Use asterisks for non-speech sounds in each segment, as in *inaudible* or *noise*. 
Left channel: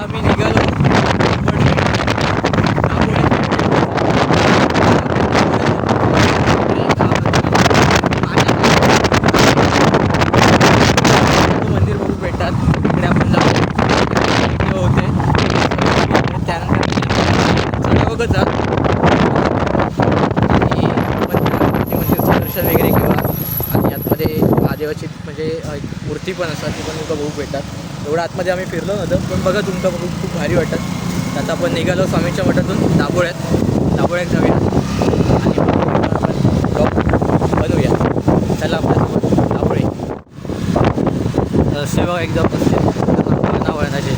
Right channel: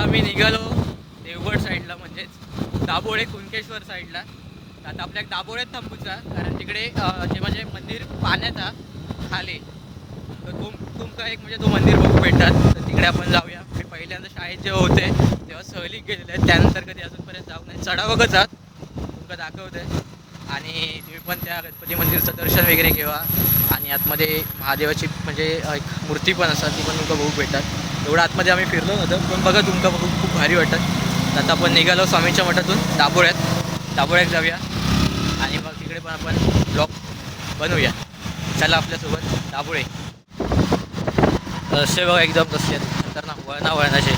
आता आम्ही निघालो. कोकण साईडला साईडला आपल्या तिकडे म्हणजे पाण्यात तो मंदिर बघू भेटतात. तिकडे आपण जाऊ. म्हणजे आणि होते. त्यानंतर चढावगच आहात आणि आपण मंदिरचं दर्शन वगैरे घेऊया. आणि आतमध्ये महादेवाची म्हणजे एक मूर्ती पण असतात ती पण तुमका बघू भेटतात. एवढं आतमध्ये आम्ही फिरलो नव्हतं पण बघा तुमका बघून खूप भारी वाटतात आता आपण निघालो स्वामींच्या मठातून दाबोळ्यात दाबोळ्यात जाऊया. आणि आपण जॉब बनवूया. चला आपल्यासोबत दाबोळे रस्ते बघा एकदम कसे वळणा वळणाचे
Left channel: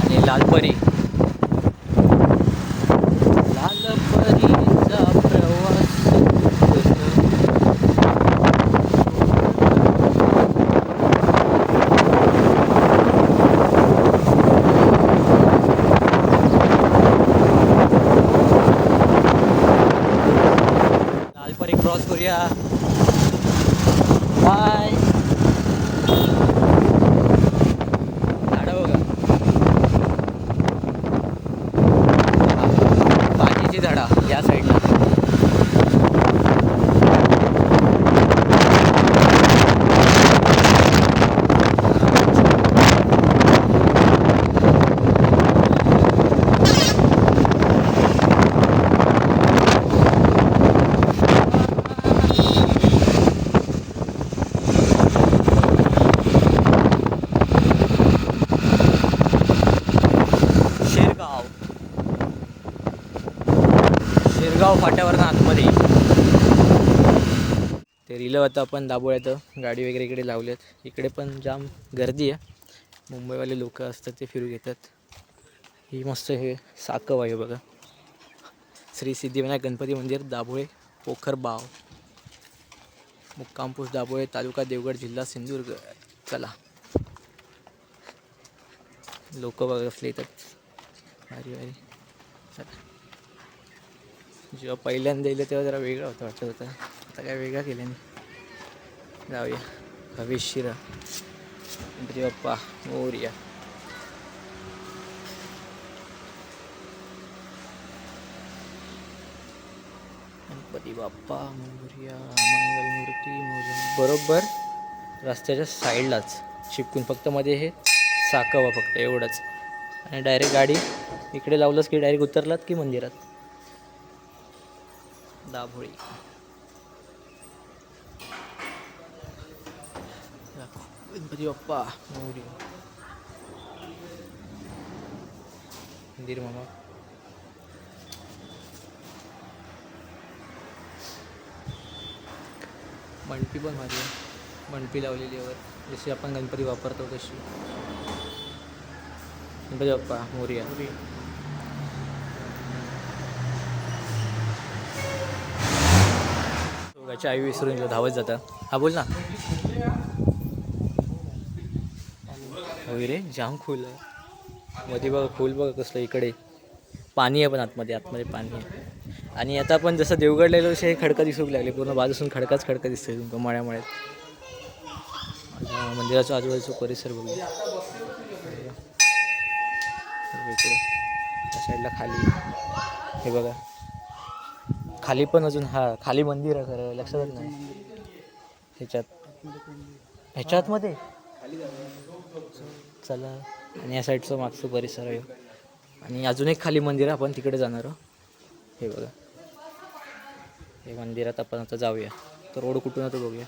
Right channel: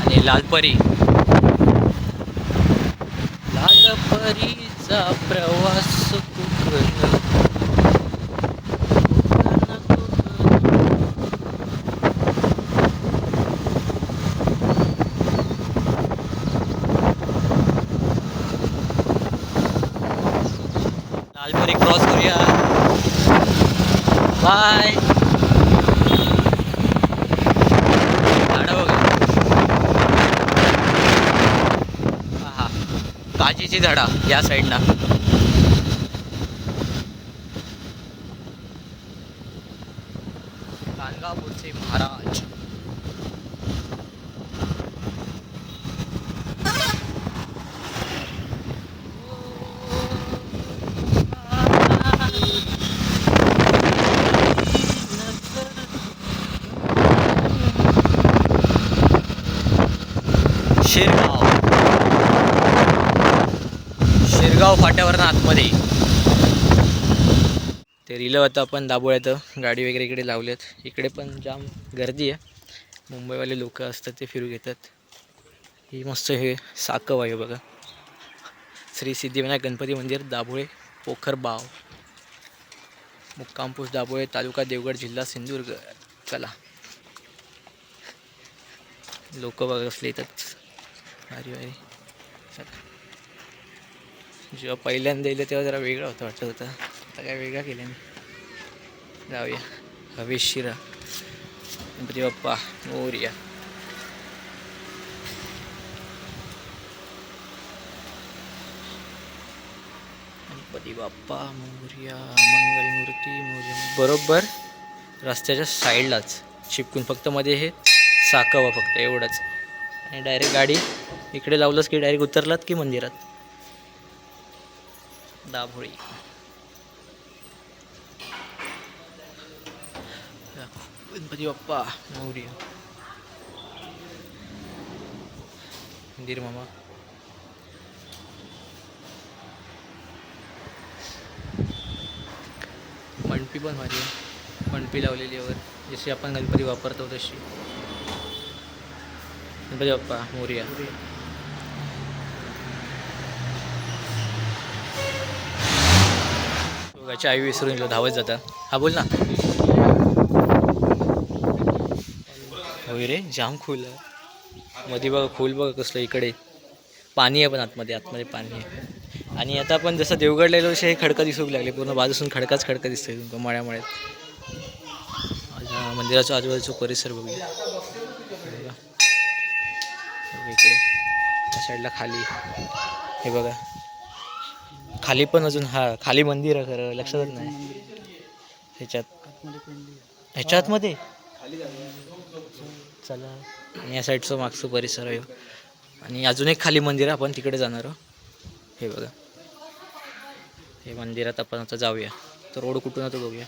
आणि लालपरी. लालपरीचा प्रवास लालपरी क्रॉस करूया बाय झाडं बघा हा काजीची झाडा या साईडनं शेरगाव. शेरगाव फाट्यावरनं आतमध्ये. ते रिलं होतं आपण दाबोळ्यात गाडी वगैरे इकडे लावल्यात इकडे पण जाम गर्दी आहे. मुंबईवाले लोक असतात ते फिरू घेतात. ही मस्त हे साकव आहे बघा. श्री सिद्धिविनायक गणपती मंदिर दाभोळे पोखर बाव. मुक्कामपूस दाभोळे तालुका देवगड जिल्हा सिंधुदुर्ग. चला. लोक बघा असले येतात. भारी भारी. चला. जेव्हा पहिल्यांदा येईल तेव्हा जरा वेगळं होतं वाटत होतं. आता काय वेगळा केलं मी. जाऊया. हवेशिरा गणपती बाप्पा मोर्या. गणपती बाप्पा मोरया मंगलमूर्ती मोर्या. बरोबर. रस्त्याच्या साईडलाच चिपकून फक्त मध्ये हे साकावा फक्त एवढंच. आणि डायरेक्ट गाडी इकडे लावलंच की डायरेक्ट उतरलात की मंदिरात? दाभोळी. गणपती बाप्पा मोरी मंदिर मामा. मणपी पण भारी आहे. मणपी लावलेली आहे वर. जशी आपण गणपती वापरतो तशी. गणपती बाप्पा मोरिया दोघाची आई विसरून गेलो धावत जाता हा बोल ना होय रे जाम खोलमध्ये बघा खोल बघा कसलं इकडे पाणी आहे पण आतमध्ये आतमध्ये पाणी आहे आणि आता आपण जसं देवगडला गेलो तसे हे खडका दिसू लागले पूर्ण बाजूसून खडकाच खडका दिसतोय तुमका मळ्यामळ्यात आता मंदिराच्या आजूबाजूचा परिसर बघूया बघा. बघा इकडे त्या साईडला खाली. हे बघा. खाली पण अजून हा खाली मंदिर आहे खरं लक्षातच नाही. ह्याच्यात. ह्याच्या आतमध्ये चला. आणि या साईडचं मागचं परिसर आहे. आणि अजून एक खाली मंदिर आहे आपण तिकडे जाणार आहोत. हे बघा. हे मंदिरात आपण आता जाऊया. तर रोड कुठून आता बघूया.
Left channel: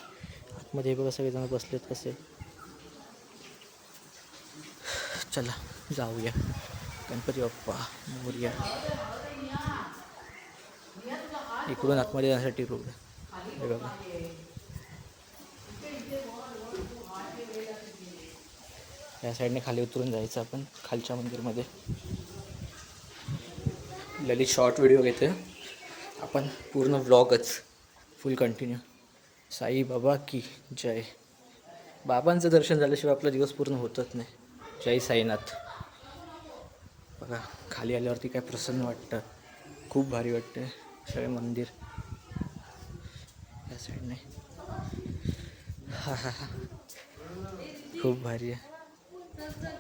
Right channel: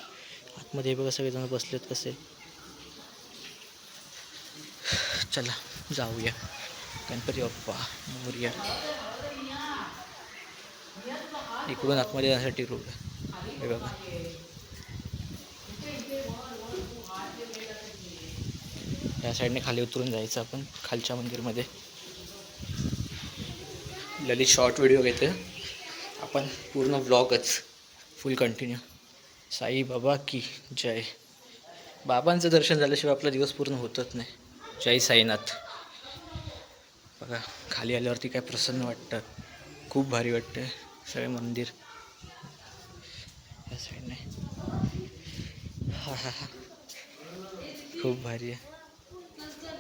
आतमध्ये हे बघा सगळेजण बसलेत कसे. चला जाऊया. गणपती बाप्पा मोर्या. इकडून आतमध्ये जाण्यासाठी रोड हे बघा. या साईडने खाली उतरून जायचं आपण खालच्या मंदिरमध्ये. ललित शॉर्ट व्हिडिओ घेतो आपण पूर्ण ब्लॉगच फुल कंटिन्यू साई बाबा की जय. बाबांचं दर्शन झाल्याशिवाय आपला दिवस पूर्ण होतच नाही. जय साईनाथ. बघा खाली आल्यावरती काय प्रसन्न वाटतं. खूप भारी वाटतं सगळे मंदिर. या साईडने हा हा हा. खूप भारी आहे.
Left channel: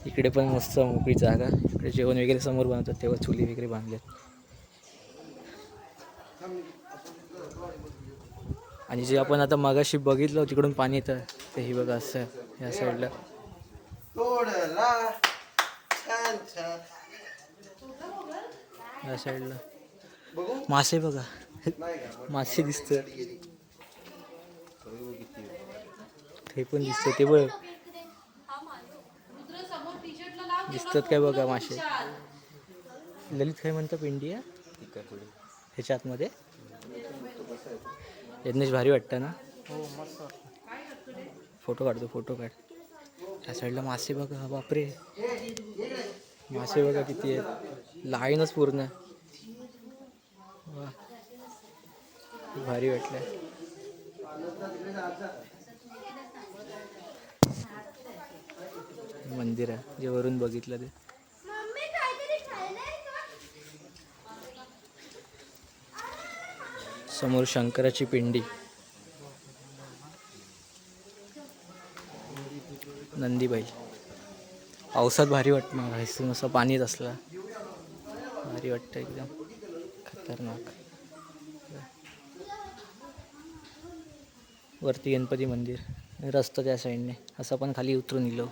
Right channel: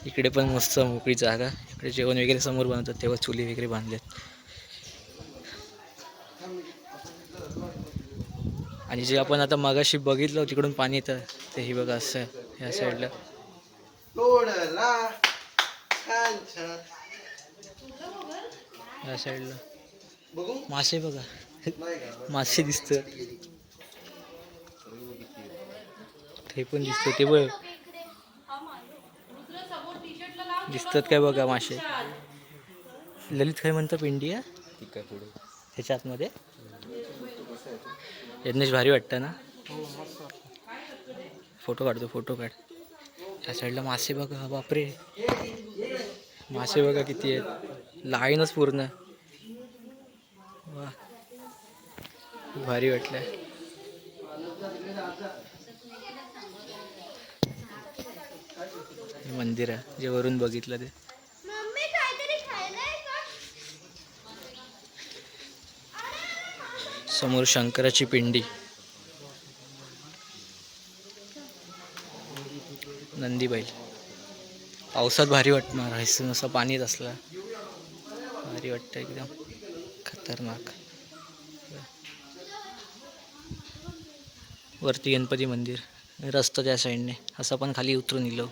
इकडे पण मस्त मोकळी जागा. इकडे जेवण वगैरे समोर बनवतात तेव्हा चुली वगैरे बांधल्यात आणि जे आपण आता मगाशी बघितलं तिकडून पाणी येतं. ते ही बघा असं आहे, ह्या साईडला या ह्या साईडला मासे बघा. मासे दिसत ते पण दिसतं ते बघ. दिसतात काय बघा मासे. ललित काय म्हणतात इंडिया ह्याच्या आतमध्ये यज्ञेश भारी वाटतं ना? फोटो काढतो फोटो काढ. त्या साईडला मासे बघा. बापरे. मासे बघा किती आहेत. लाईनच पूर्ण वा. भारी वाटलं मंदिर आहे. जे वरून बघितलं ते. समोर शंकराची पिंडी. नंदी बैल पावसात भारी वाटणार. असं पाणीच असला. भारी वाटतं एकदम. खतरनाक. वरती गणपती मंदिर आणि रस्ता त्या साईडने असं पण खाली उतरून इलो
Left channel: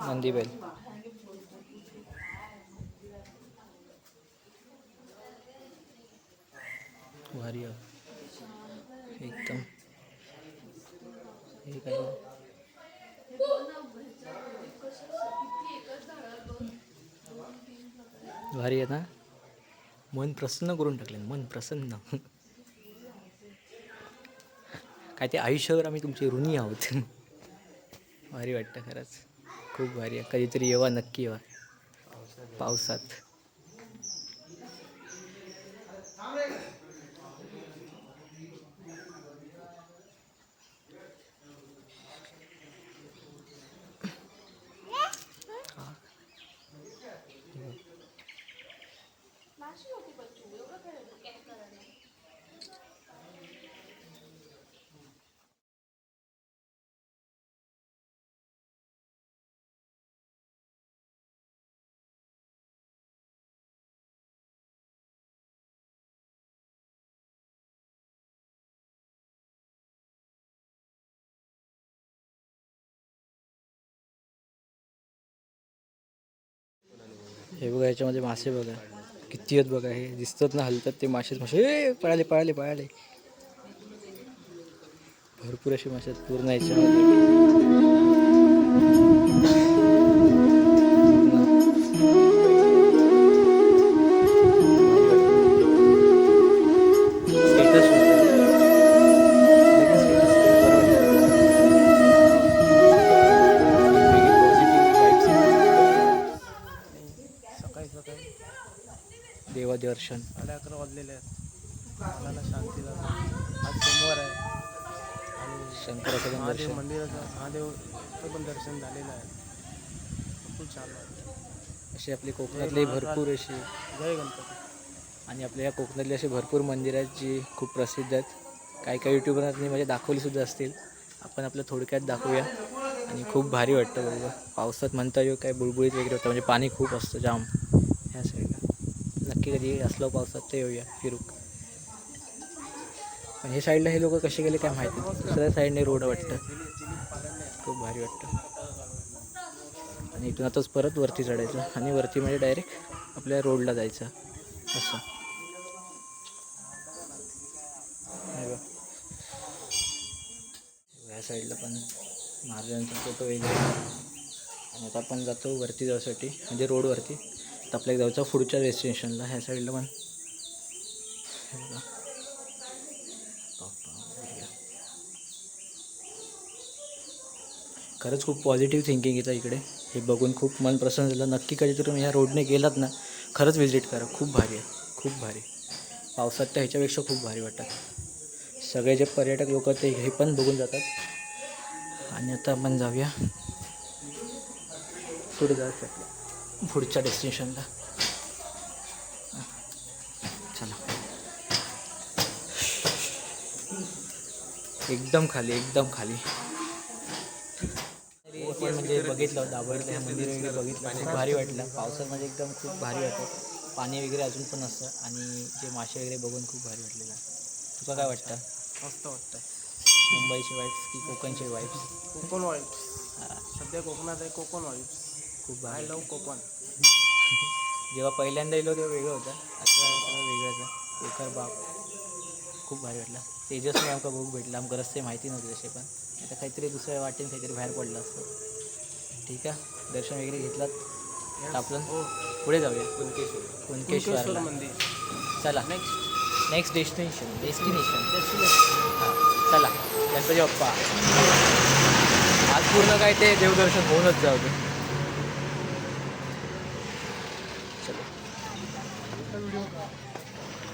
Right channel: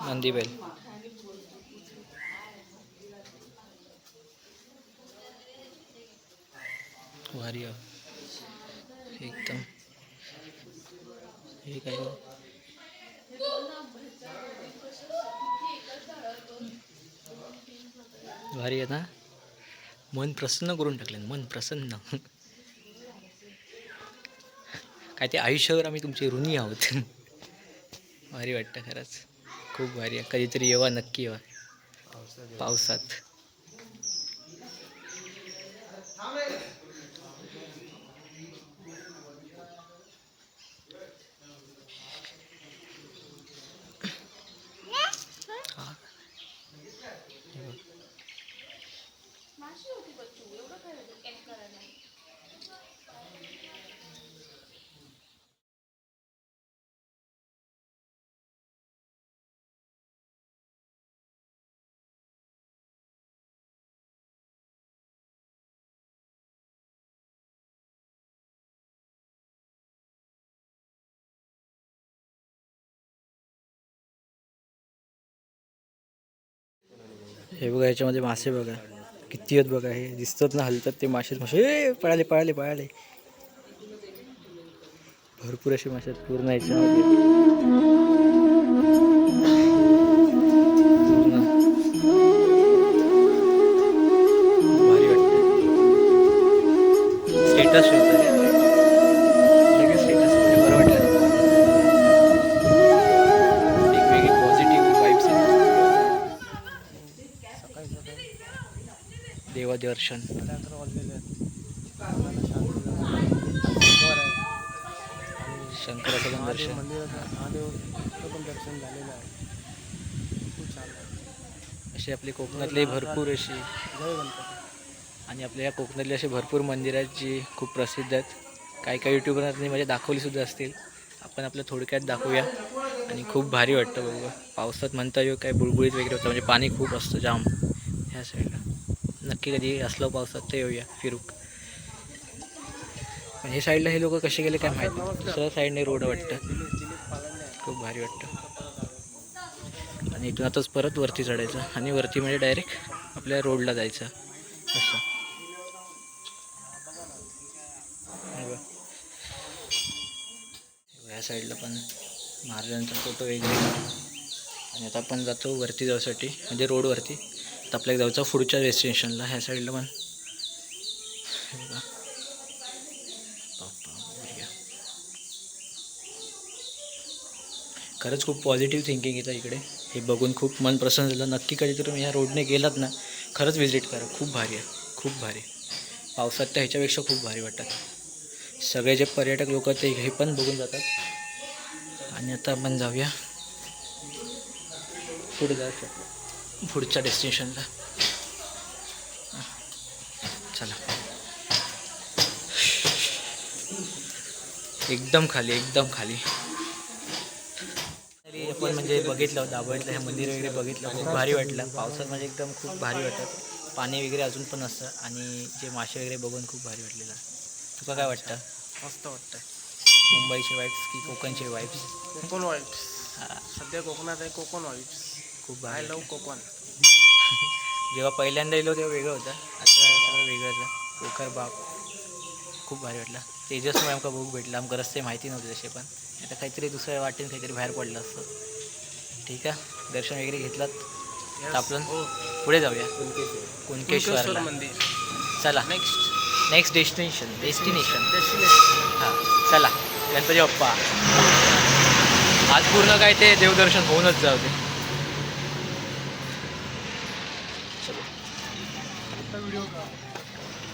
नंदी भारी आहे. एकदम. हे काय? भारी आहे ना? मन प्रसन्न करून टाकलं मन प्रसन्न. काय ते आयुष्यावर आम्ही तुमचे ऋणी आहोत. भारी वाटतं खरंच. खूप भारी आहे. कधीतरी येवा नक्की येवा. पावसात. हे बघा याच्यामध्ये मासे बघा. किती आहेत बघा हे दिसतात ना हलतात ते मासेच मासे पळाले पळाले पळाले. भरपूर असे मासे आहेत पूर्ण याच्यामध्ये. देवदर्शन साडे अकरा वाजलेले आहेत. मनाला शांती सोमवार आहे. आणि शंकराचं पण महादेव दर्शन. मंदिराचं महादेवचं पण दर्शन झालेलं आहे. खूप छान वाटतं असे आपले कोकणातले भरपूर असे जय गणपती. आणि आपल्या या कोकणातले असे भरपूर मंदिरं आहेत जी खूप प्रसिद्ध आहेत. काही काही युट्यूबरांनी म्हणजे दाखवलीसुद्धा असतील. आपण आपलं थोडक्यात दाखवूया. आणि खूप भारी वाटतं बघा. पावसात म्हणता येऊ काय बुळबुळीत वगैरे होतं. म्हणजे पाणी खूप असतं जाम. ह्या साईडला नक्की कधी असलं पावसात तर येऊया फिरूक. पण हे साईडला हे लोक कसे गेले काय माहिती नाही. दुसऱ्या साईडने रोड वाटतं. खूप भारी वाटतं. आणि इथून आताच परत वरती चढायचं. आणि वरती म्हणजे डायरेक्ट आपल्या रोडला जायचं. असं. हे या साईडला पण महाराजांचा फोटो वगैरे. आणि आता आपण जातो वरती जाण्यासाठी म्हणजे रोडवरती आता आपल्याला जायचं पुढच्या डेस्टिनेशनला ह्या साईडला पण. बघा. खरंच खूप पॉझिटिव्ह थिंकिंग येतं इकडे. हे बघून खूप मन प्रसन्न झालं. नक्की कधीतरी तुम्ही ह्या रोडने गेलात ना खरंच व्हिजिट करा. खूप भारी आहे. खूप भारी. पावसात तर ह्याच्यापेक्षा खूप भारी वाटतात सगळे जे पर्यटक लोक ते हे पण बघून जातात. आणि आता आपण जाऊया. पुढे जाऊ शकतो. पुढच्या डेस्टिनेशनला चला. एकदम खाली एकदम खाली. आपण म्हणजे बघितलं दाबोळीतलं हे मंदिर वगैरे बघितलं खूप भारी वाटलं. पावसात म्हणजे एकदम खूप भारी वाटत. पाणी वगैरे अजून पण असतं आणि जे मासे वगैरे बघून खूप भारी वाटलेलं तुका काय वाटतं? मस्त वाटतंय. मुंबईचे वाईफ्स की कोकणचे वाईफ्स कोकण वाईब्स सध्या कोकणात आहे कोकण वाईब्स खूप आय भारी लव कोकण जेव्हा पहिल्यांदा येलो तेव्हा वेगळं होतं. आता सगळं वेगळंच आहे पोखर बाग खूप भारी वाटला. तेजसमुळे आमका बघू भेटला. आमका रस्ते माहिती नव्हते तसे पण आता काहीतरी दुसऱ्या वाटेन काहीतरी बाहेर पडलं असतं. ठीक आहे? दर्शन वगैरे घेतलात? तर आपण हो. पुढे जाऊया. कुणकेश्वर मंदिर. चला. Next next destination destination destination हां. चला. गणपती बाप्पा. आज पूर्ण काय ते देवदर्शन होऊनच जाऊ दे.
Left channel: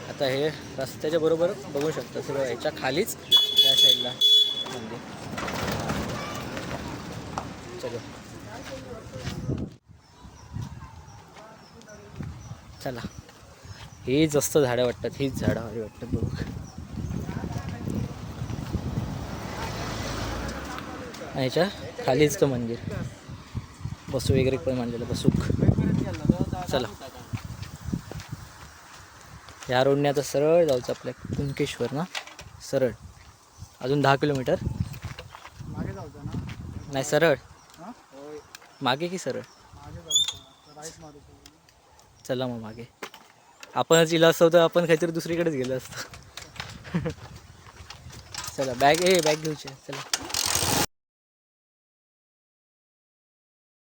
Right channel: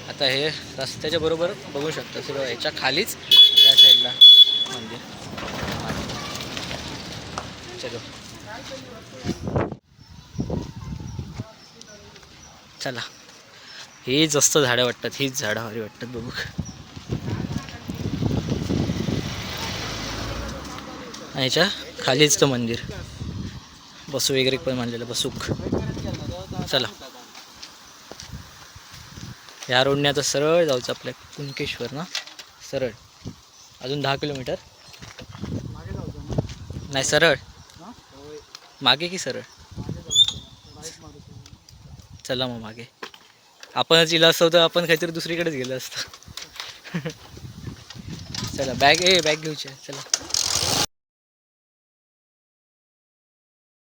आता हे रस्त्याच्या बरोबर बघू शकता सगळं याच्या खालीच त्या साईडला मंदिर. चलो. चला. हे जास्त झाडं वाटतात हीच झाडं भारी वाटतात बघू. याच्या खालीच तर मंदिर. बसू वगैरे पण मानलेलं बसूक चला. या रोडने आता सरळ जायचं आपल्या कुणकेश्वर ना? सरळ. अजून दहा किलोमीटर. जाऊचा नाही सरळ. मागे की सरळ? जाऊचं चला मग मागे. आपणच इला असतो तर आपण काहीतरी दुसरीकडेच गेलो असतो. *laughs* चला बॅग ए बॅग घेऊची. चला.